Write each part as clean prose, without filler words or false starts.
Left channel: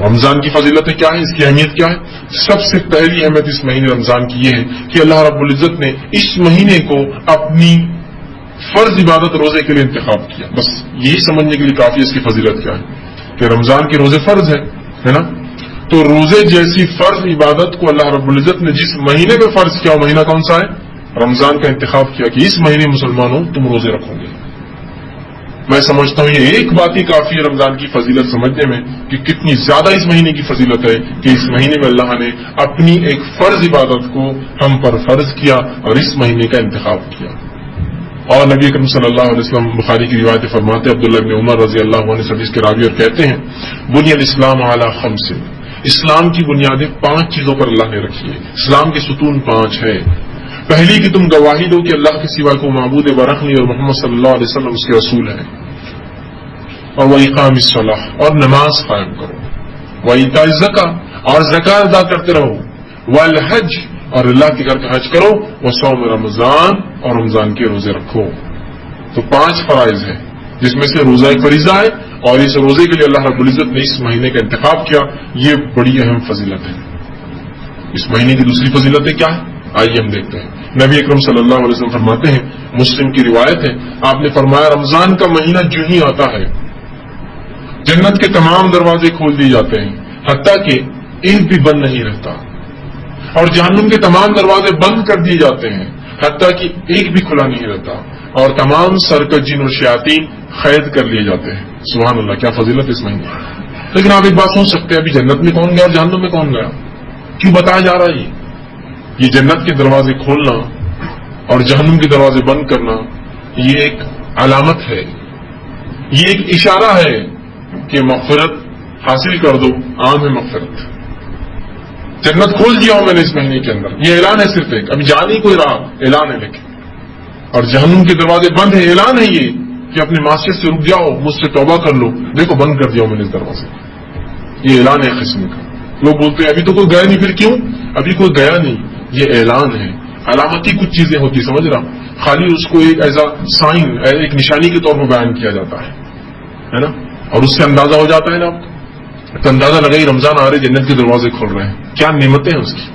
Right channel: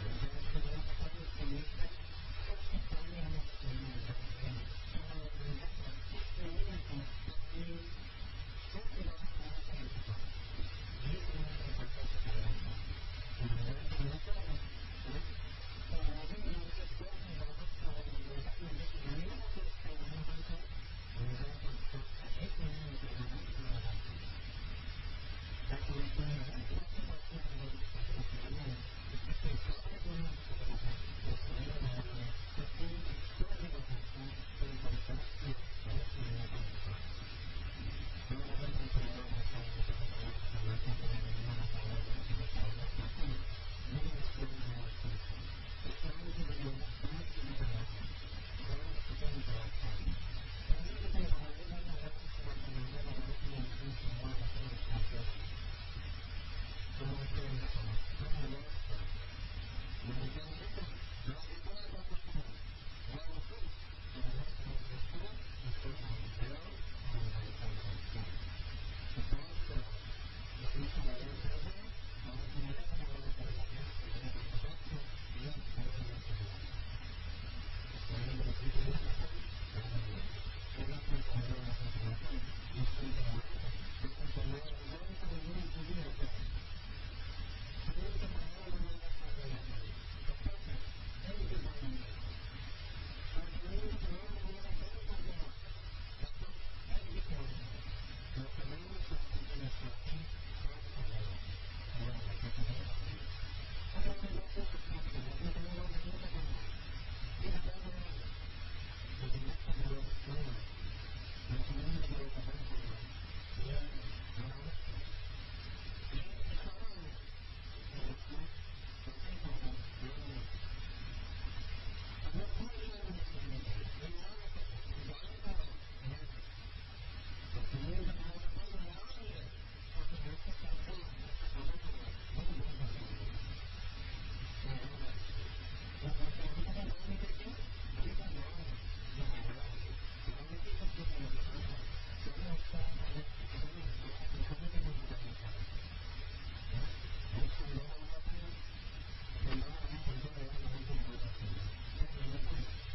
رمضان کی فضیلتیں کیا ہیں، اس کی اہمیت کیا ہے؟ سب سے پہلی اہمیت اس مہینے رمضان کی یہ ہے کہ اللہ رب العزت نے اس مہینے کو اپنی فرض عبادت روزے کے لیے انتخاب کیا. بس یہی سمجھنے کے لیے کافی اس کی فضیلت کیا ہے کہ رمضان کے روزے فرض ہے نا. تو روزے جیسی فرض عبادت کو اللہ رب العزت نے جس مہینے میں فرض کیا وہ مہینہ کون سا ہے؟ رمضان کا انتخاب کیا کہ اس مہینے مسلمانوں تم روزے رکھو گے. میں سمجھتا ہوں یہ ایک بات ہی کافی ہے رمضان کی فضیلت سمجھنے میں کہ کتنی زیادہ اس مہینے کی فضیلت ہے کہ اس مہینے میں اللہ نے اپنی ایک فرض عبادت کو ہم پر فرض کیا اور اس مہینے کا انتخاب کیا. اور نبی اکرم صلی اللہ علیہ وسلم بخاری کی روایت فرماتے عبداللہ بن عمر رضی اللہ عنہ حدیث کے راوی اور کہتے ہیں بنی الاسلام علی خمس، اسلام کی بنیادیں 5 چیزوں پر اللہ نے رکھی ہے. اسلام کے ستون 5 ہے. پہلی کہ تم گواہی دو کہ اللہ کے سوا کو معبود برحق نہیں اور محمد صلی اللہ علیہ وسلم اس کے رسول ہیں. اور وَإِقَامِ الصَّلَاةِ، اور نماز قائم کرو. وَإِيتَاءِ الزَّكَاةِ، اور زکات ادا کرتے رہو. وَالْحَجِّ، اور اللہ کے گھر کا حج کرو. وَصَوْمِ رمضان، اور رمضان کے روزے رکھو. تو 5 فرائض ہیں جس میں سے روزہ ایک فریضہ ہے اور اس روزے کے لیے اللہ رب العزت نے اس مہینے کا انتخاب کیا. یہ بڑی اہم فضیلت ہے. اس مہینے کی دوسری فضیلتیں کیا ہے آئیے ہم دیکھتے ہیں. نبی اکرم صلی اللہ علیہ وسلم فرماتے ہیں، مسلم کی روایت ہے، آپ نے فرمایا رمضان کا مہینہ جو ہی آتا ہے جنت کے تمام دروازے کھول دیے جاتے ہیں حتیٰ کہ ایک بھی بند نہیں رہتا، اور جہنم کے تمام دروازے بند کر دیے جاتے ہیں حتیٰ کہ ایک بھی کھلا نہیں رہتا، اور تمام سرکش جن اور شیاطین قید کر لیے جاتے ہیں. سبحان اللہ، کیا فضیلت اس مہینے. لیکن آپ ایک بات سوچ سکتے ہیں ابھی جنت میں کون گیا اور جہنم میں کون گیا؟ کیوں بتایا جا رہا ہے یہ جنت کے دروازے کھولنا اور جہنم کے دروازے بند کرنا یہ ایک علامت ہے، یہ ایک اشارہ ہے کہ مغفرت حاصل کر دو. عام ہے مغفرت. جنت کھول دیا ہوں میں نے اس مہینے کے اندر، یہ اعلان ہے صرف ایک، ابھی جان ہی کوئی رہا، اعلان ہے. لیکن اور جہنم کے دروازے بند ہیں، اعلان ہے یہ کہ اپنی معصیت سے رک جاؤ، مجھ سے توبہ کر لو، دیکھو بند کر دیا ہوں میں نے اس دروازے. یہ اعلان ہے قسم کا. لوگ بولتے ہیں ابھی تو کوئی گیا نہیں. پھر کیوں؟ ابھی کوئی گیا نہیں، یہ اعلان ہے. علامتی کچھ چیزیں ہوتی سمجھ رہا، خالی اس کو ایک ایز اے سائن، ایک نشانی کے طور پر بیان کیا جاتا ہے نا، اور اس سے اندازہ ہو جاتا ہے نا آپ کو، تو اندازہ لگائی رمضان آ رہے جنت کے دروازے کھول رہے ہیں. کیا نعمتیں ہیں اس کی،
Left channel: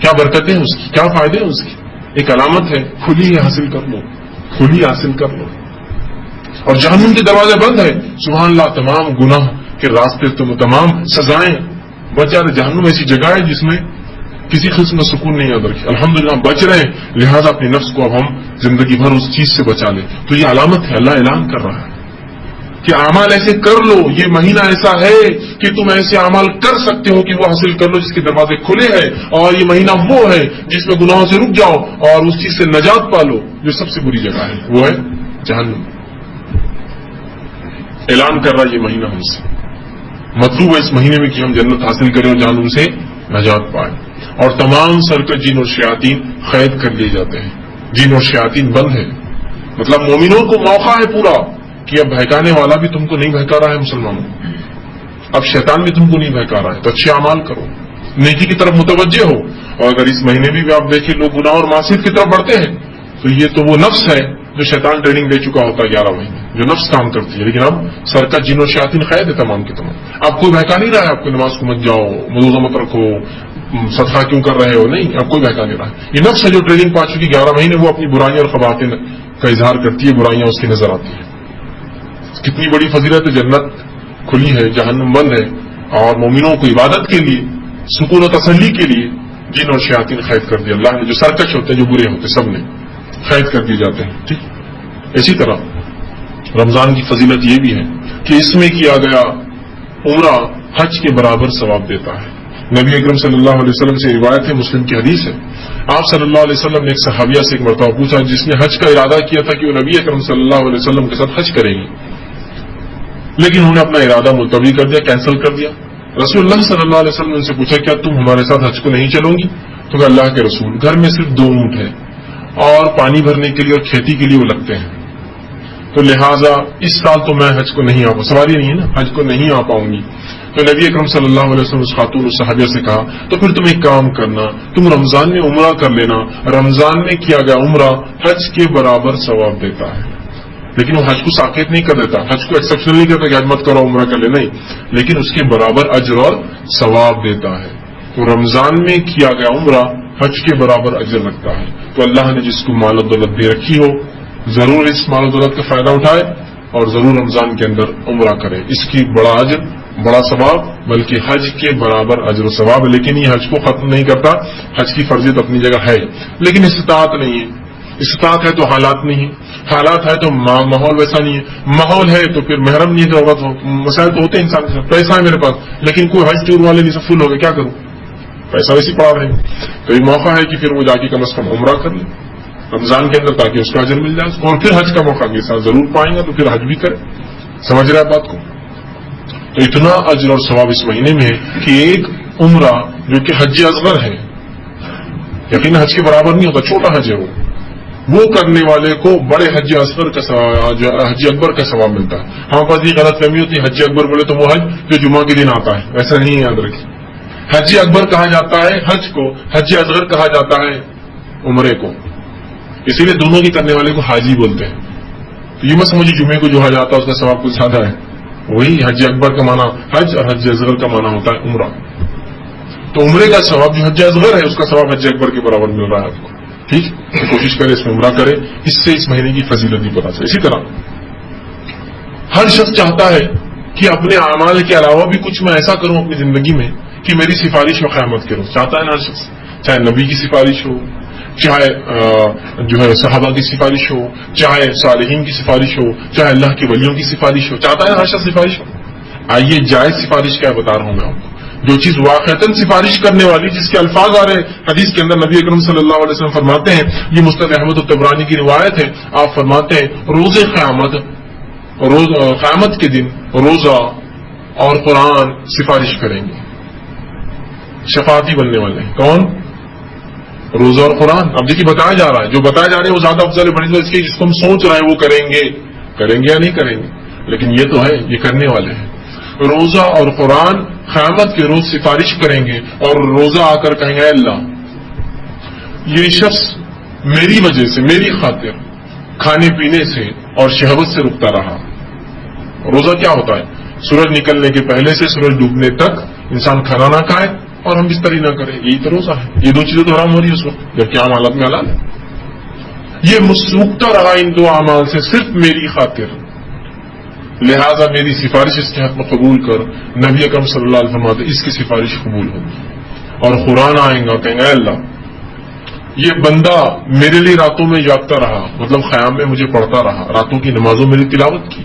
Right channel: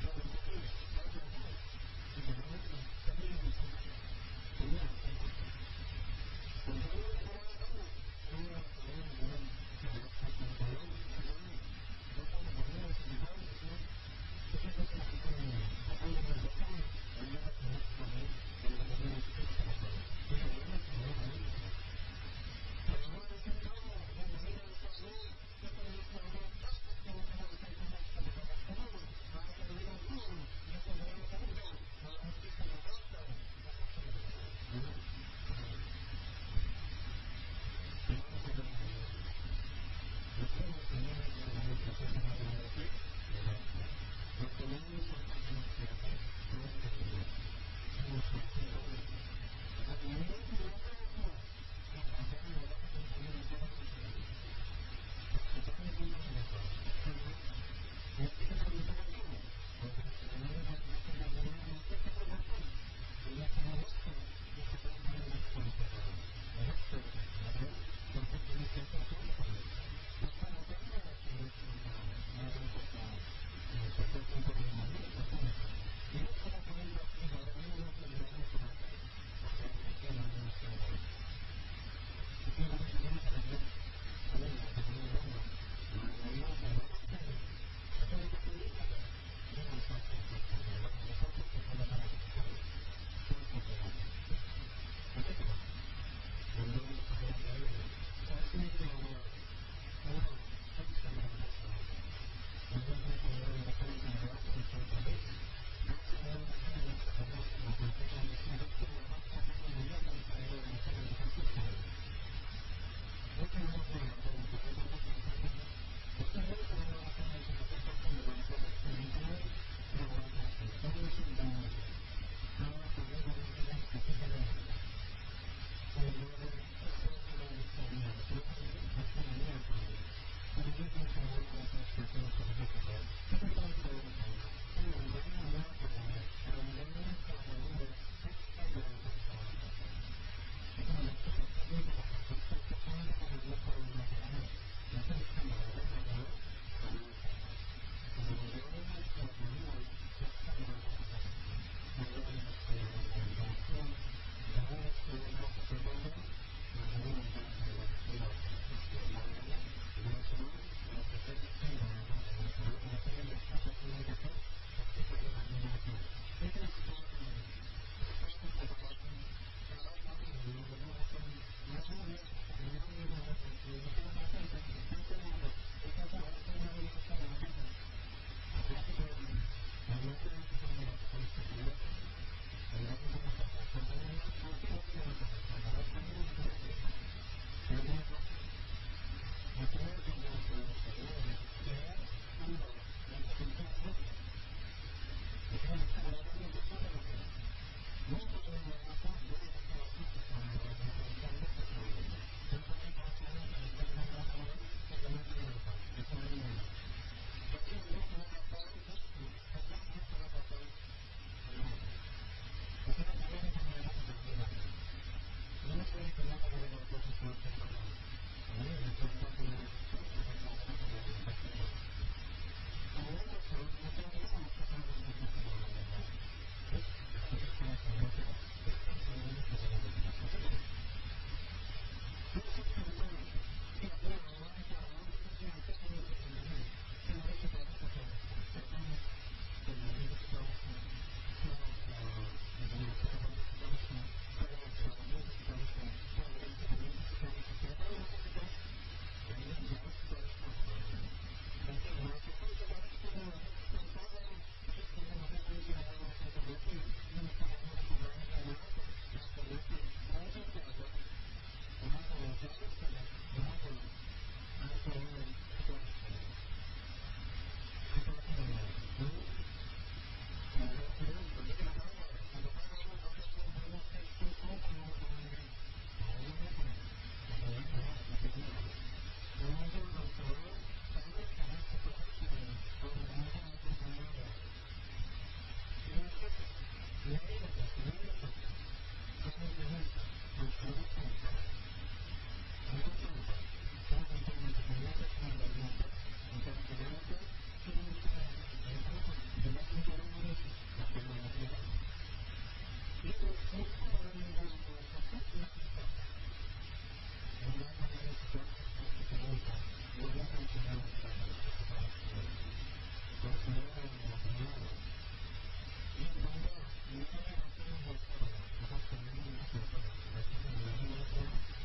کیا برکتیں ہیں اس کی، کیا فائدے ہیں اس کی. ایک علامت ہے، کھلی حاصل کر لو، کھلی حاصل کر لو. اور جہنم کے دروازے بند ہیں، سبحان اللہ، تمام گناہ کے راستے تمام سزائیں بچ جا رہے. جہنم ایسی جگہ ہے جس میں کسی قسم کا سکون نہیں یاد رکھے. الحمدللہ بچ رہے ہیں، لہذا اپنے نفس کو اب ہم زندگی بھر اس چیز سے بچا لیں. تو یہ علامت ہے، اللہ اعلان کر رہا ہے کہ اعمال ایسے کر لو. یہ مہینہ ایسا ہے کہ تم ایسے اعمال کر سکتے ہو کہ وہ حاصل کر لو جس کے دروازے کھلے ہیں. اور یہ مہینہ وہ ہے جس میں گناہوں سے رک جاؤ اور اس چیز سے نجات پالو جو سب سے بری جگہ ہے، وہ ہے جہنم. اعلان کر رہا ہے یہ مہینہ ہم سے. مطلوب ہے اس مہینے میں کہ ہم جنت حاصل کریں اور جہنم سے نجات پائیں. اور تمام سرکش جن اور شیاطین قید کر لیے جاتے ہیں. جن اور شیاطین بند ہے، مطلب مومنوں کو موقع ہے پورا کہ اب بہکانے والا بھی تم کو نہیں بہکا رہا ہے مسلمانوں، اب شیطان بھی تم کو نہیں بہکا رہا ہے. تو اچھے اعمال کرو، نیکی کی طرف متوجہ ہو. اور اگر اس مہینے بھی آپ دیکھیں لوگ گناہ اور معصیت کی طرف بڑھتے ہیں تو یہ تو وہ نفس ہے جو شیطان ٹریننگ دے چکا ہوتا ہے 11 مہینے، جو نفس کام کرتی ہے. لیکن اب سرکش جن اور شیاطین قید ہے تمام کے تمام. آپ کوئی بہکا نہیں رہا ہے، آپ کو نماز کو مت جاؤ، وضو مت رکھو، صدقہ کیوں کر رہے ہو، نہیں، اب کوئی بہکا نہیں رہا ہے. یہ نفس ہے جو ٹریننگ پا چکی 11 مہینے، وہ اپنی برائیاں اور خباطن کا اظہار کرتی ہے، برائیاں اس کی نظر آتی ہیں. کتنی بڑی فضیلت ہے. جنت کھلی ہے، جہنم بند ہے، اور مومنوں کو عبادت کے لیے، سکون و تسلی کے لیے جن اور شیاطین قید کر دیا اللہ نے. جو سرکش ہوتے ہیں، جو برے ہوتے ہیں، سب نے قید کر دیے جاتے ہیں. ٹھیک. اسی طرح رمضان کی فضیلت یہ بھی ہے کہ اس میں کیا گیا عمرہ حج کے برابر ثواب دیتا ہے. نبی اکرم صلی اللہ علیہ وسلم سے روایت ہے، مسلم کی حدیث ہے، آپ صلی اللہ علیہ وسلم نے ایک صحابیہ سے ایک مرتبہ پوچھا جس نے حج کا ارادہ کیا تھا کہ وہ نبی اکرم صلی اللہ علیہ وسلم کے ساتھ حج کریں گی، لیکن انہوں نے اپنا ارادہ ملتوی کر دیا، کینسل کر دیا. رسول اللہ صلی اللہ علیہ وسلم نے ان سے پوچھا کیا تم ہمارے ساتھ حج کو نہیں چلو گی؟ تو کہ اللہ کے رسول، گھر میں صرف 2 اونٹ ہیں اور پانی بھرنے کے لیے اور کھیتی کے لیے وہ لگتے ہیں، تو لہٰذا اس سال تو میں حج کو نہیں آ پاؤں، سواری نہیں ہے نا، حج کو نہیں آ پاؤں گی. تو نبی اکرم صلی اللہ علیہ وسلم اس خاتون اس صحابیہ سے کہا تو پھر تم ایک کام کرنا، تم رمضان میں عمرہ کر لینا، رمضان میں کیا گیا عمرہ حج کے برابر ثواب دیتا ہے. لیکن وہ حج کو ساکت نہیں کر دیتا، حج کو ایکسپشنل نہیں کرتا کہ حج مت کرو عمرہ کر لے، نہیں، لیکن اس کے برابر اجر اور ثواب دیتا ہے۔ تو رمضان میں کیا گیا عمرہ حج کے برابر اجر رکھتا ہے۔ تو اللہ نے جس کو مال و دولت دے رکھی ہو ضرور اس مال و دولت کا فائدہ اٹھائے اور ضرور رمضان کے اندر عمرہ کرے، اس کی بڑا اجر بڑا ثواب، بلکہ حج کے برابر اجر و ثواب۔ لیکن یہ حج کو ختم نہیں کرتا، حج کی فرضیت اپنی جگہ ہے، لیکن استطاعت نہیں ہے۔ استطاعت ہے تو حالات نہیں ہے، حالات ہے تو ماحول ویسا نہیں ہے، ماحول ہے تو پھر محرم نہیں ضرورت ہو، مسائل تو ہوتے ہیں انسان کے ساتھ، پیسہ ہے میرے پاس لیکن کوئی حج ٹور والے نہیں، سب فل ہو گئے، کیا کروں، پیسہ ویسے پڑا رہے، تو یہ موقع ہے کہ پھر وہ جا کے کم از کم عمرہ کر لے رمضان کے اندر تاکہ اس کا اجر مل جائے، اور پھر حج کا موقع کے ساتھ ضرور پائیں گا تو پھر حج بھی کرے۔ سمجھ رہے بات کو؟ تو اتنا اجر اور ثواب اس مہینے میں ہے کہ ایک عمرہ جو کہ حج اصغر ہے، یقین حج کے برابر نہیں ہوتا، چھوٹا حج ہے وہ کرنے والے کو بڑے حج اصغر کا حج اکبر کا ثواب ملتا ہے۔ ہمارے پاس یہ غلط فہمی ہوتی ہے حج اکبر بولے تو وہ حج جو جمعہ کے دن آتا ہے، ایسا نہیں یاد رکھیے۔ حج اکبر کہا جاتا ہے حج کو، حج اصغر کہا جاتا ہے عمرے کو، اسی لیے دونوں کی کرنے والے کو حاجی بولتے ہیں۔ تو یہ مت سمجھے جمعے کو جو حج آتا ہے اس کا ثواب کچھ زیادہ ہے، وہی حج اکبر کا معنی حج اور حج اصغر کا معنی ہوتا ہے عمرہ۔ تو عمرے کا ثواب جو حج اصغر ہے اس کا ثواب حج اکبر کے برابر مل رہا ہے آپ کو، ٹھیک؟ تو کوشش کرے اس میں عمرہ کرے، اس سے اس مہینے کی فضیلت بھی پتا چلے۔ اسی طرح ہر شخص چاہتا ہے کہ اپنے اعمال کے علاوہ بھی کچھ میں ایسا کروں اپنی زندگی میں کہ میری سفارش و قیامت کروں، چاہتا ہے نا ہر شخص، چاہے نبی کی سفارش ہو، چاہے جو ہے صحابہ کی سفارش ہو، چاہے صالحین کی سفارش ہو، چاہے اللہ کے ولیوں کی سفارش ہو، چاہتا ہے ہر شخص سفارش ہو۔ آئیے جائز سفارش کیا بتا رہا ہوں میں آپ کو، جو چیز واقعتاً سفارش کرنے والی، جس کے الفاظ آ رہے حدیث کے اندر، نبی اکرم صلی اللہ علیہ وسلم فرماتے ہیں، یہ مستد احمد الطبرانی کی روایت ہے، آپ فرماتے ہیں روز قیامت کے دن روزہ اور قرآن سفارش کریں گے، شفاعتی بننے والے ہیں۔ کون؟ روزہ اور قرآن۔ اب دیکھیے بتایا جا رہا ہے، جو بتایا جا رہا ہے وہ زیادہ افضل ہے بڑی اس کے، جس کو ہم سوچ رہے ہیں وہ کریں گے یا نہیں کریں گے، لیکن یہ تو ہے یہ کرنے والے ہیں۔ روزہ اور قرآن قیامت کے روز سفارش کریں گے اور روزہ آ کر کہیں گے اے اللہ یہ شخص میری وجہ سے، میری خاطر کھانے پینے سے اور شہوت سے رکتا رہا۔ روزہ کیا ہوتا ہے؟ سورج نکلنے کے پہلے سے سورج ڈوبنے تک انسان کھانا نہ کھائے اور ہم بستری نہ کریں، یہی تو روزہ ہے۔ یہ دو چیزیں تو حرام ہو رہی ہے اس وقت جبکہ عام حالت میں حلال ہے۔ یہ مسروکتا رہا ان دو اعمال سے صرف میری خاطر، لہذا میری سفارش اس کے حق میں قبول کر۔ نبی اکرم صلی اللہ علیہ وسلم فرماتے اس کی سفارش قبول ہوگی۔ اور قرآن آئیں گا کہیں گے اے اللہ یہ بندہ میرے لیے راتوں میں جاگتا رہا، مطلب خیام میں مجھے پڑھتا رہا، راتوں کی نمازوں میری تلاوت کی،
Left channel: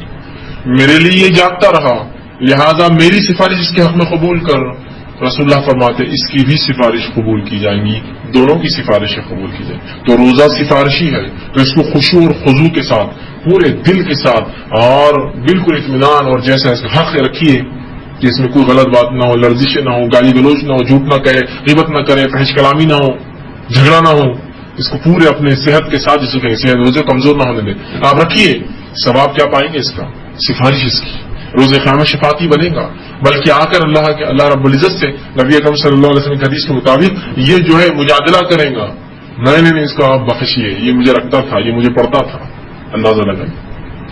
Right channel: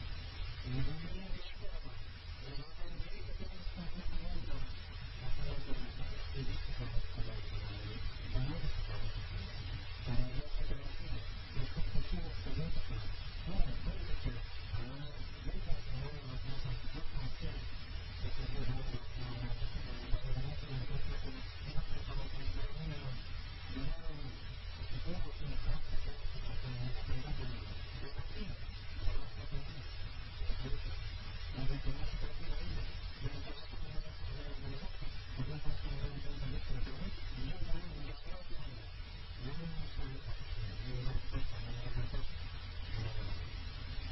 میرے لیے یہ جاگتا رہا، لہذا میری سفارش اس کے حق میں قبول کر۔ رسول اللہ فرماتے اس کی بھی سفارش قبول کی جائیں گی، دونوں کی سفارشیں قبول کی جائیں۔ تو روزہ سفارشی ہے تو اس کو خشوع اور خضوع کے ساتھ، پورے دل کے ساتھ اور بالکل اطمینان اور جیسا اس کا حق رکھیے کہ اس میں کوئی غلط بات نہ ہو، لرزشیں نہ ہو، گالی گلوچ نہ ہو، جھوٹ نہ کہے، غیبت نہ کرے، فحش کلامی نہ ہو، جھگڑا نہ ہو، اس کو پورے اپنے صحت کے ساتھ، جس کو صحت روزے کمزور نہ ہونے دیں، آپ رکھیے۔ ثواب کیا پائیں گے اس کا؟ سفارش اس کی، روز قیامت شفاعتی بنے گا، بلکہ آ کر اللہ رب العزت سے نبی اکرم صلی اللہ علیہ وسلم کی حدیث کے مطابق یہ جو ہے مجادلہ کریں گا، نہیں اس کو آپ بخشیے، یہ مجھے رکھتا تھا، یہ مجھے پڑھتا تھا۔ اندازہ لگائیں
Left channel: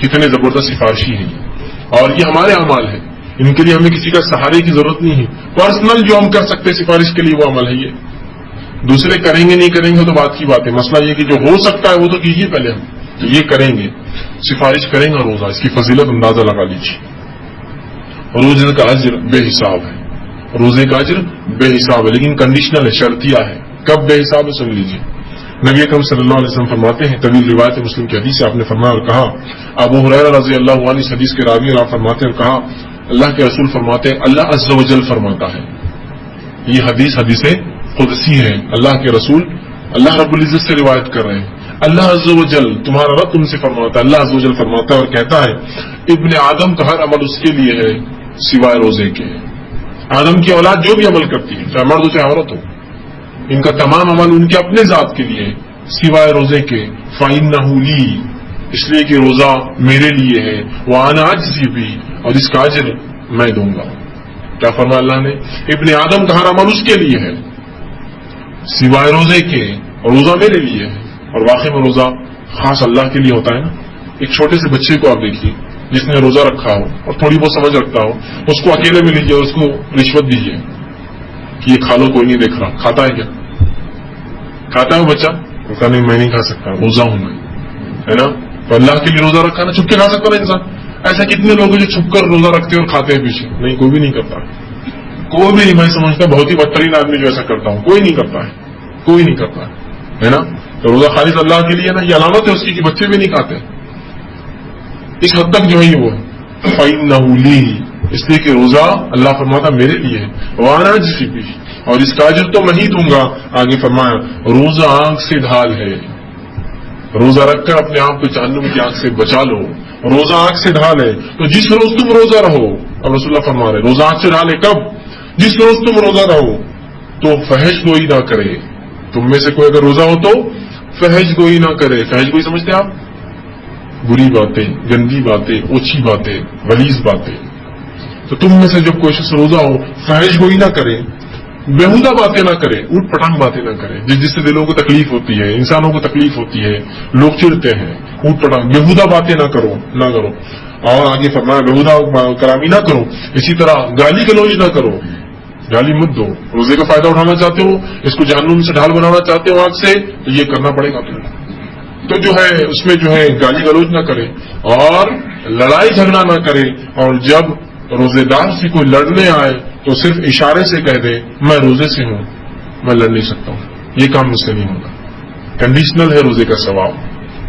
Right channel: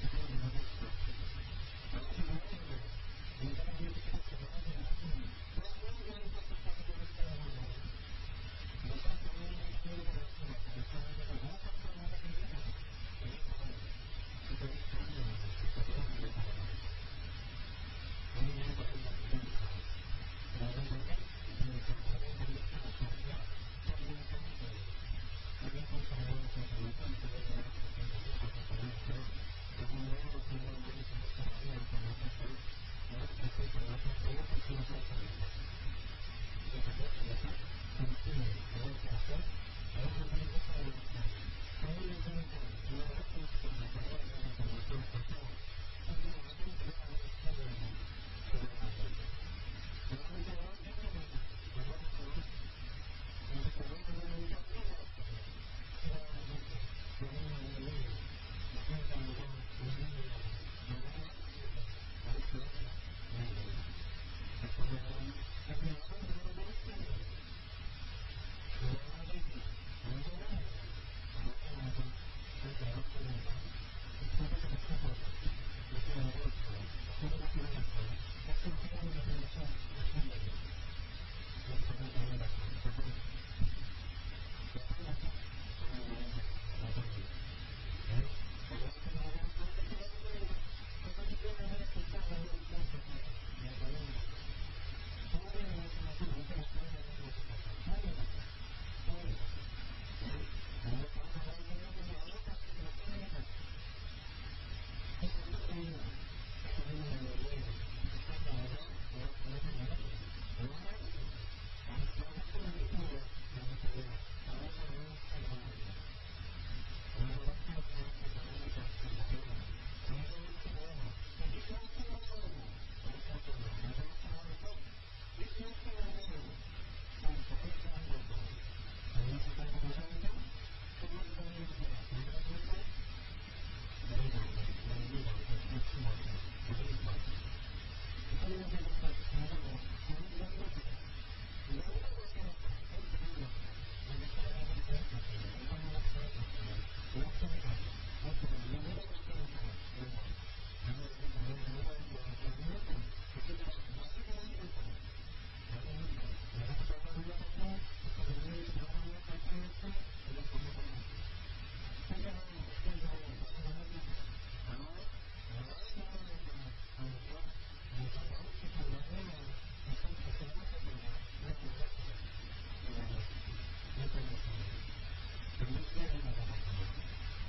کتنے زبردست سفارشی ہیں یہ، اور یہ ہمارے اعمال ہیں، ان کے لیے ہمیں کسی کا سہارے کی ضرورت نہیں ہے، پرسنل جو ہم کر سکتے سفارش کے لیے وہ عمل ہے یہ، دوسرے کریں گے نہیں کریں گے تو بات کی بات ہے، مسئلہ یہ کہ جو ہو سکتا ہے وہ تو کیجیے پہلے، ہم تو یہ کریں گے، سفارش کریں گے روزہ، اس کی فضیلت اندازہ لگا لیجیے۔ روزے کا اجر بے حساب ہے، روزے کا اجر بے حساب ہے، لیکن کنڈیشنل ہے، شرطیہ ہے۔ کب بے حساب ہے سن لیجیے۔ نبی اکرم صلی اللہ علیہ وسلم فرماتے ہیں، طویل روایت مسلم کی حدیث سے آپ نے فرمایا اور کہا، ابو ہریرہ رضی اللہ عنہ اس حدیث کے راوی اور آپ فرماتے ہیں اور کہا اللہ کے رسول فرماتے ہیں اللہ عز و جل فرماتا ہے، یہ حدیث قدسی ہے، اللہ کے رسول اللہ رب العزت سے روایت کر رہے ہیں، اللہ عز و جل تمہارا رب تم سے فرماتا ہے، اللہ عز و جل فرماتا ہے اور کہتا ہے ابن آدم کا ہر عمل اس کے لیے ہے سوائے روزے کے۔ آدم کی اولاد جو بھی عمل کرتی ہے چاہے مرد ہو چاہے عورت ہو، ان کا تمام عمل ان کے اپنے ذات کے لیے سوائے روزے کے، فَإِنَّهُ لِي، اس لیے کہ روزہ میرے لیے ہے، وَأَنَا أَجْزِي بِهِ، اور اس کا اجر میں دوں گا۔ کیا فرمایا اللہ نے؟ ابن آدم کا ہر عمل اس کے لیے ہے سوائے روزے کے، اور روزہ میرے لیے ہے، اور واقعی میں روزہ خاص اللہ کے لیے ہوتا ہے نا، ایک چھوٹے سے بچے کو آپ دیکھیے جس نے روزہ رکھا ہو اور تھوڑی بہت سمجھ رکھتا ہو، اس کو اکیلے میں لیجیے اور اس کو رشوت دیجیے کہ یہ کھا لو، کوئی نہیں دیکھ رہا، کھاتا ہے کیا؟ کھاتا ہے وہ بچہ؟ کہا نہیں میں نہیں کھا سکتا، روزہ ہوں میں، ہے نا؟ تو اللہ کے لیے روزہ رکھا نا، چھپ کے کھا سکتا نا انسان؟ ایسا کتنے لوگ ہیں جو چھپ کر روزہ رکھتے ہیں اور کھاتے ہیں پیچھے؟ نہیں، کوئی بھی نہیں کرتا، کوئی بھی نہیں. میں سمجھتا بہت ہی بدترین آدمی جو ایسا کرتا ہوں، کوئی نہیں کرتا ہے، کوئی نہیں کرتا ہے نا؟ تو روزہ خالص اللہ کے لیے نا، یہ علامت ہے اس کی کہ بچے بھی نہیں کھاتے. اس حد تک جو ہے وہ فَإِنَّهُ لِي، اس لیے کہ روزہ اللہ فرماتا میرے لیے ہے، وَأَنَا أَجْزِي بِهِ، اور اس کا اجر تو میں ہی دوں گا. آگے فرمایا روزہ آنکھ سے ڈھال ہے، روزہ رکھ کر اپنے آپ کو جہنم کی آنکھ سے بچا لو. روزہ آنکھ سے ڈھال ہے، تو جس روز تم روزہ رہو، اب رسول اللہ فرما رہے روزہ آنکھ سے ڈھال ہے کب؟ جس روز تم روزہ رہو تو فحش گوئی نہ کرے. تم میں سے کوئی اگر روزہ ہو تو فحش گوئی نہ کرے. فحش گوئی سمجھتے آپ؟ بری باتیں، گندی باتیں، اوچھی باتیں، غلیظ باتیں. تو تم میں سے جب کوئی شخص روزہ ہو فحش گوئی نہ کرے، بےہودہ باتیں نہ کرے، اوٹ پٹانگ باتیں نہ کرے جس سے دلوں کو تکلیف ہوتی ہے، انسانوں کو تکلیف ہوتی ہے، لوگ چڑھتے ہیں. اوٹ پٹانگ بےہودہ باتیں نہ کرو. اور آگے فرمایا بےہودہ کلامی نہ کرو. اسی طرح گالی گلوچ نہ کرو، گالی مت دو. روزے کا فائدہ اٹھانا چاہتے ہو، اس کو جہنم سے ڈھال بنانا چاہتے ہو آنکھ سے، تو یہ کرنا پڑے گا تمہیں. تو جو ہے اس میں جو ہے گالی گلوچ نہ کرے اور لڑائی جھگڑا نہ کرے. اور جب روزے دار سے کوئی لڑنے آئے تو صرف اشارے سے کہہ دے میں روزے سے ہوں، میں لڑ نہیں سکتا ہوں، یہ کام مجھ سے نہیں ہوگا. کنڈیشنل ہے روزے کا ثواب.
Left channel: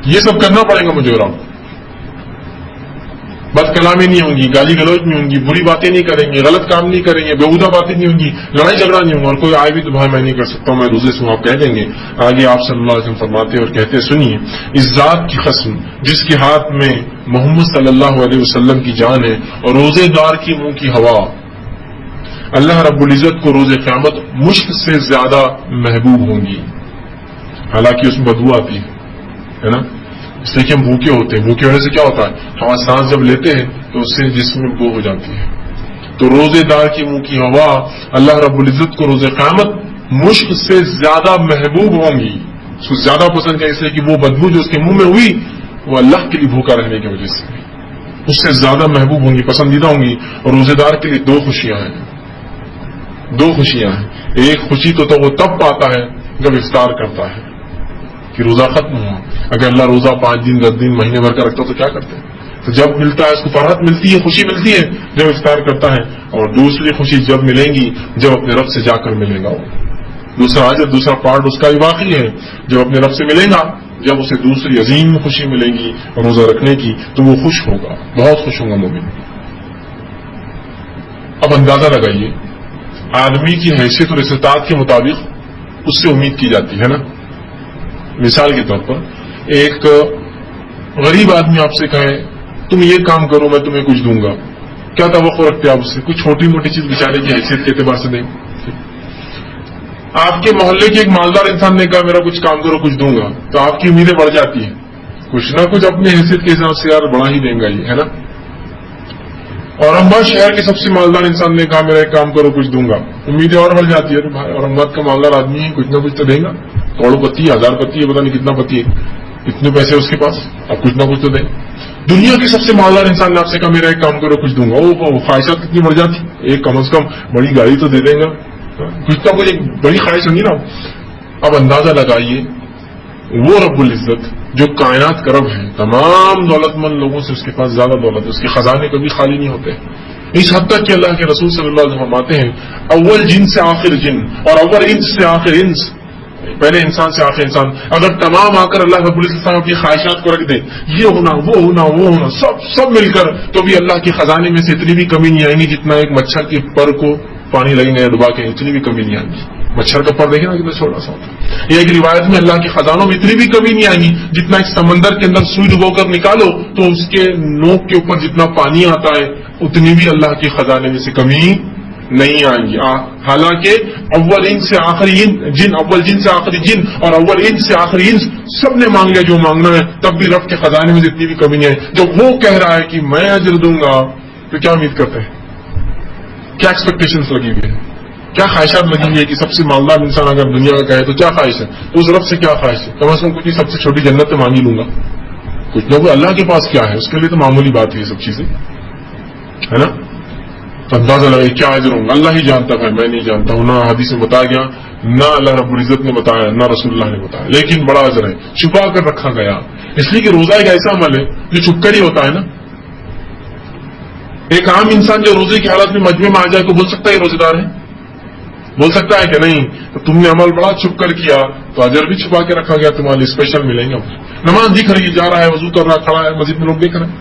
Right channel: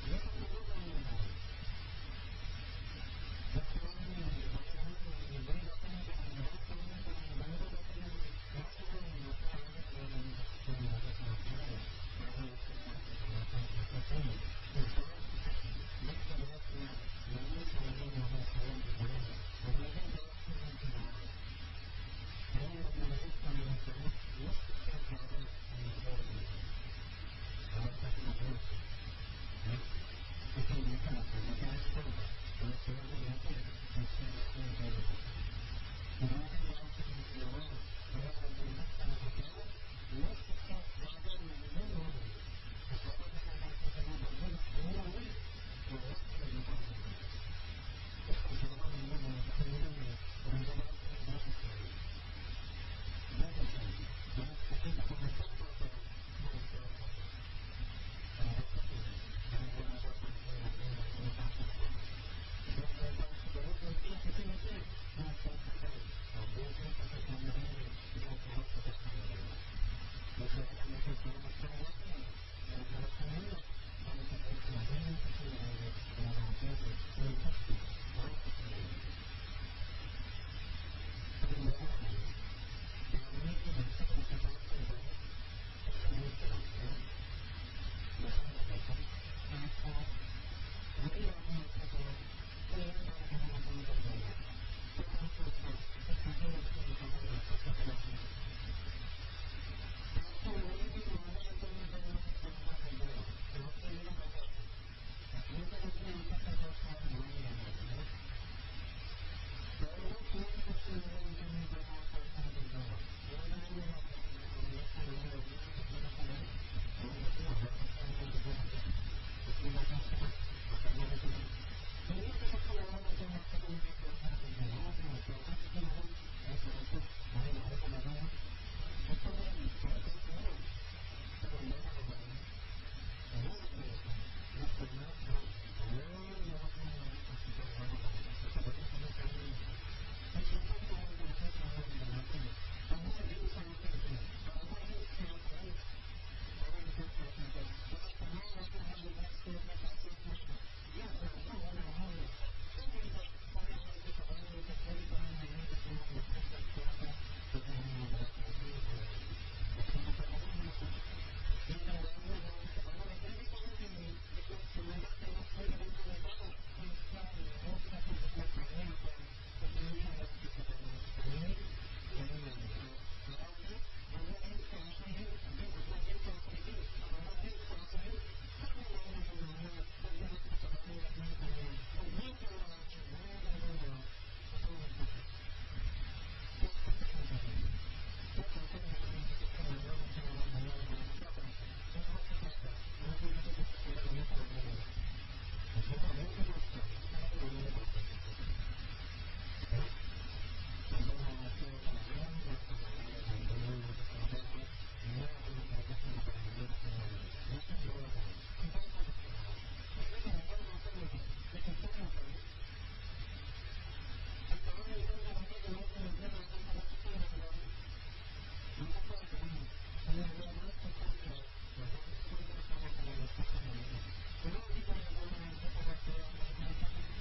یہ سب کرنا پڑے گا مجھے اور آپ. بد کلامی نہیں ہوں گی، گالی گلوچ نہیں ہوں گی، بری باتیں نہیں کریں گے، غلط کام نہیں کریں گے، بےہودہ باتیں نہیں ہوں گی، لڑائی جھگڑا نہیں ہوگا. اور کوئی آئے بھی تو بھائی میں نہیں کر سکتا ہوں، میں روزے سے ہوں، آپ کہہ دیں گے. آگے آپ صلی اللہ علیہ وسلم فرماتے اور کہتے سنیے، اس ذات کی قسم جس کے ہاتھ میں محمد صلی اللہ علیہ وسلم کی جان ہے اور روزے دار کی منہ کی ہوا، اللہ رب العزت کو روز قیامت مشک سے زیادہ محبوب ہوں گی. حالانکہ اس میں بدبو آتی ہے نا، اس لیے کہ ہم بھوکے ہوتے ہیں. بھوکے ہونے سے کیا ہوتا ہے؟ ہوا سانس جب لیتے ہیں تو اس سے جسم میں بو ہو جاتی ہے. تو روزے دار کی منہ کی ہوا اللہ رب العزت کو روز قیامت مشک سے زیادہ محبوب ہوں گی. اس کو زیادہ پسند ہے اس لیے کہ وہ بدبو جو اس کے منہ میں ہوئی وہ اللہ کے لیے بھوکا رہنے کی وجہ سے اس سے زیادہ محبوب ہوں گی، پسندیدہ ہوں گی. اور روزے دار کے لیے دو خوشیاں ہیں. ایک خوشی تو وہ تب پاتا ہے جب افطار کرتا ہے کہ روزہ ختم ہوا. اگر اللہ روزہ 5 دن 10 دن مہینے بھر کا رکھتا تو کیا کرتے ہیں؟ تو جب ملتا ہے اس کو فرحت ملتی ہے، خوشی ملتی ہے جب افطار کرتا ہے. اور دوسری خوشی جب ملیں گی جب اپنے رب سے جا کر ملے گا. وہ دوسرا پارٹ اس کا بھی باقی ہے. جب اپنے رب سے ملے گا، جب اسے دوسری عظیم خوشی ملے گی روزہ رکھنے کی، تو وہ خوش ہوگا، بہت خوش ہوگا مومن. اب اندازہ لگائیے، آدمی کی حیثیت اور استطاعت کے مطابق اس سے امید کی جاتی ہے نا. مثال کے طور پر ایک غریب آدمی آپ سے کہے تم یہ کام کرو میں تمہیں کچھ دوں گا، کیا توقع رکھتے آپ اس سے؟ کچھ چھوٹی موٹی چیز بیچارے کی حیثیت کے اعتبار سے دیں. آپ کے محلے کے ایک مالدار انسان نے کہا میرا کچھ کام کرو کچھ دوں گا، تو آپ کی امیدیں بڑھ جاتی ہیں. کچھ نہ کچھ اپنی حیثیت کے حساب سے یار بڑا ہی دیں گا یہ، ہے نا. اورنگ آباد شہر کے سب سے مالدار انسان نے کہا میرا ایک کام کرو کچھ دوں گا، امیدیں اور بڑھ جاتی ہے. اورنگ آباد کا مالدار آدمی ہے، کچھ نہ کچھ تو دیں گا. کروڑ پتی ہے، 1000 پتی ہے، پتا نہیں کتنا پتی ہے، اتنے پیسے اس کے پاس، اب کچھ نہ کچھ تو دیں. دنیا کے سب سے مالدار انسان نے آپ سے کہا میرا ایک کام کرو کچھ دوں گا. وہ خواہشات کتنی بڑھ جاتی، ایک کم از کم بڑی گاڑی تو دے دیں گا، کچھ نہ کچھ ایک بڑی خواہش ہوگی نا. اب اندازہ لگائیے وہ رب العزت جو کائنات کا رب ہے، تمام دولت مند لوگوں سے اس کے پاس زیادہ دولت ہے، اس کے خزانے کبھی خالی نہیں ہوتے. اس حد تک کہ اللہ کے رسول صلی اللہ علیہ وسلم فرماتے ہیں اول جن سے آخر جن اور اول انس سے آخر انس، پہلے انسان سے آخر انسان، اگر تمام آ کر اللہ رب العزت اپنی خواہشات کو رکھ دے، یہ ہونا وہ ہونا وہ ہونا سب مل کر، تو بھی اللہ کے خزانے میں سے اتنی بھی کمی نہیں آئیں گی جتنا ایک مچھر کے پر کو پانی لگیں گے ڈبا کے، اتنی بھی کمی نہیں آئیں گی. مچھر کا پر دیکھیں نا کتنا چھوٹا سا ہوتا ہے. یہ ایک روایت میں اللہ کے خزانوں میں اتنی بھی کمی نہیں آئیں گی جتنا ایک سمندر کے اندر سوئی ڈبو کر نکالو تو اس کے نوک کے اوپر جتنا پانی آتا ہے اتنی بھی اللہ کے خزانے میں سے کمی نہیں آئیں گی. حالانکہ اول ان سے آخری جن، اول جن سے آخری جن اور اول ان سے آخری انس سب نے مانگ لیا جو مانگنا ہے، تب بھی رب کے خزانے میں اتنی بھی کمی نہیں آئی. جب وہ کہہ رہا ہے کہ میں اجر دوں گا تو کیا امید کرتے ہیں، کیا ایکسپیکٹیشنز لگی ہوئی ہے، کیا خواہشات لگی ہوئی ہے کہ سب سے مالدار انسان اگر دنیا کا کہے تو کیا خواہش ہے، تو اس رب سے کیا خواہش ہے؟ کم از کم کچھ سب سے چھوٹی جنت تو مانگ ہی لوں گا، کچھ لوگ اللہ کے پاس کیا ہے اس کے لیے تو معمولی بات ہے یہ سب چیزیں، ہے نا. تو اندازہ لگے کیا اجر ہوں گا، اللہ ہی جانتا ہے، میں نہیں جانتا ہوں، نہ حدیث میں بتایا گیا، نہ اللہ رب العزت نے بتایا، نہ رسول اللہ نے بتایا، لیکن بڑا اجر ہے، چھپا کر رکھا گیا. اس لیے کہ روزہ ایک ایسا عمل ہے جو چھپ کر ہی ہوتا ہے نا. ایک عام انسان جو روزے کی حالت میں مجمع میں آ جائے تو بول سکتا ہے روزے دار ہے؟ بول سکتا ہے کہ نہیں؟ تو تم نے عمل بڑا چھپ کر کیا تو اجر بھی چھپا کے رکھا گیا، تمہارے اسپیشل ملیں گے. نماز دکھ رہی ہے، جا رہا ہے، وضو کر رہا، کھڑا ہے، مسجد میں لوگ دیکھ رہے ہیں.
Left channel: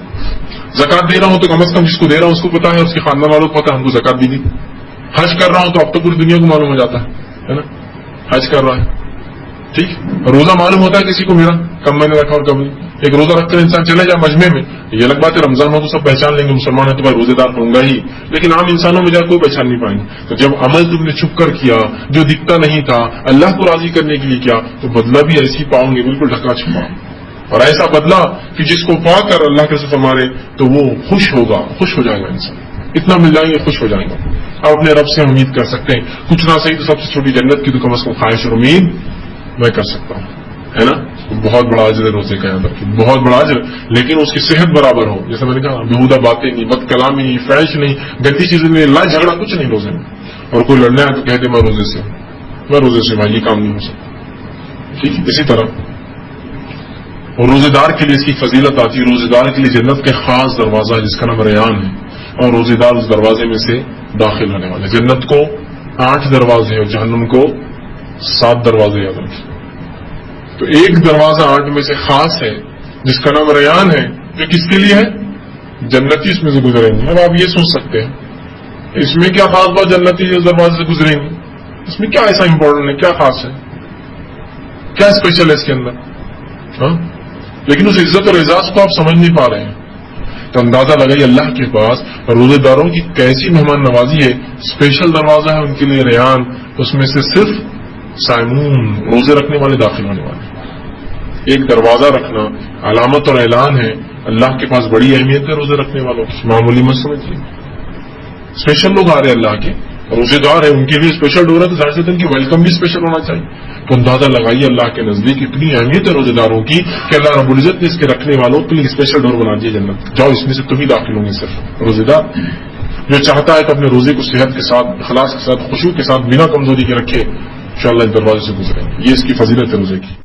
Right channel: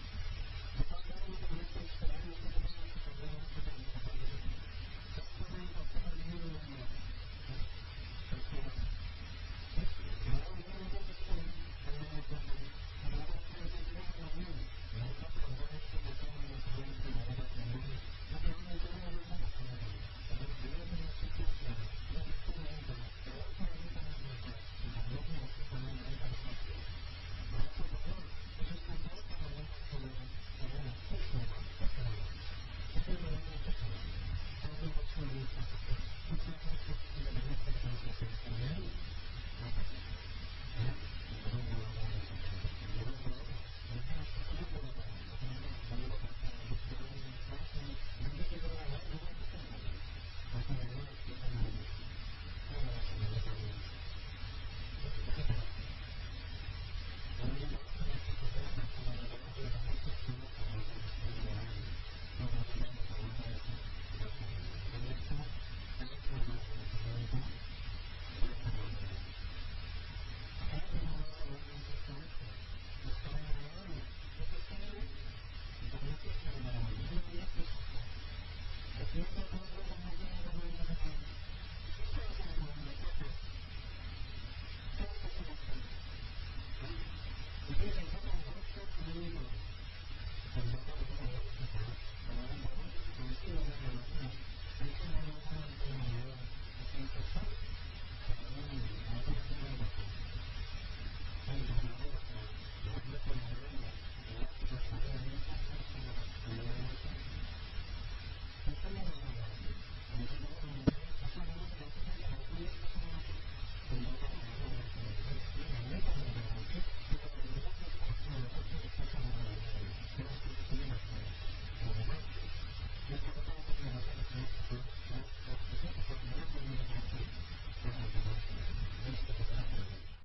زکات دے رہا ہوں تو کم از کم جس کو دے رہا ہوں اس کو پتا ہے، اس کے خاندان والوں کو پتا ہے ہم کو زکات دی. حج کر رہا ہوں تو اب تو پوری دنیا کو معلوم ہو جاتا ہے نا حج کر رہا ہے. ٹھیک، روزہ معلوم ہوتا ہے کسی کو میرا کم میں نے رکھا اور کم نہیں. ایک روزہ رکھ کر انسان چلے جائے مجمع میں، یہ الگ بات ہے، رمضان ہو تو سب پہچان لیں گے مسلمان ہے تو بھائی روزے دار ہوں گا ہی، لیکن عام انسانوں میں جا کوئی پہچان نہیں پائیں گے. تو جب عمل تم نے چھپ کر کیا جو دکھتا نہیں تھا، اللہ کو راضی کرنے کے لیے کیا، تو بدلہ بھی ایسی پاؤں گے بالکل ڈھکا چھپا، اور ایسا بدلہ کہ جس کو پا کر اللہ کے رسول فرمارے تو وہ خوش ہوگا، خوش ہو جائے گا انسان. اتنا مل جائیں گے خوش ہو جائیں گا. آپ اپنے رب سے امید کر سکتے ہیں، کچھ نہ صحیح تو سب سے چھوٹی جنت کی تو کم از کم خواہش اور امید میں کر سکتا ہوں، ہے نا. بہت بڑا اجر ہے روزے کا، یاد رکھیں بہت بڑا اجر، لیکن اس کی صحت برابر ہو. جیسے میں نے کہا بےہودہ باتیں نہیں، بد کلامی نہیں، فحش نہیں، گندی چیزیں نہیں، لڑائی جھگڑا کچھ نہیں روزے میں. اور کوئی لڑنا ہے تو کہتے میں روزے سے بھائی یہ کام نہیں ہو سکتا. ٹھیک، اسی طرح اور روزے دار کے لیے اس کی فضیلت آتی ہے. روزے دار کے لیے جنت کے خاص دروازہ ہے جس کا نام ریان ہے، اور روزے دار اس دروازے میں سے داخل ہونے والے. جنت کو 8 دروازے اور جہنم کو 7 دروازے یاد رکھیں. تو ایک دروازہ 8 میں سے خاص ہے جس کا نام ریان ہے، جو کس کے لیے ہے؟ جنتی اس میں سے گزریں گے. اب آپ یہ سوچ سکتے ہیں اس میں کیا خاص بات، جنتی اس دروازے سے گزریں گے اس میں کیا ایسا امپورٹنٹ ہے، کیا خاص ہے، کیا اسپیشل ہے اس کے اندر؟ ہاں، لیکن اس عزت اور اعزاز کو آپ سمجھ نہیں پا رہے ہیں. تو اندازہ لگائیے اللہ کے پاس روزے داروں کی کیسی مہمان نوازی ہے. اسپیشل دروازہ ہے ان کے لیے ریان، اس میں سے صرف صائمون روزے رکھنے والے داخل ہونے والے. ایک دروازہ رکھنا علامت اور اعلان ہے، اللہ کے پاس بڑی اہمیت ہے روزے رکھنے والوں کی، معمولی مت سمجھیے. اسپیشل لوگ آ رہے ہیں اللہ کے، روزے دار ہیں، ان کے لیے اسپیشل ڈور ہے تو ظاہر سے ان کی ویلکم بھی اسپیشل ہونا چاہیے. تو اندازہ لگائیے اللہ کے نزدیک اتنی اہمیت ہے روزے داروں کی کہ اللہ رب العزت نے اس کے رکھنے والوں کے لیے اسپیشل ڈور بنا دیا جنت. جاؤ اس میں سے تم ہی داخل ہوں گے صرف روزے دار. جو چاہتا ہے کہ اپنے روزے کو صحت کے ساتھ، اخلاص کے ساتھ، خشوع کے ساتھ، بنا کمزوری کے رکھے، انشاءاللہ اس دروازے سے گزرے. یہ اس کی فضیلت ہے روزے کی.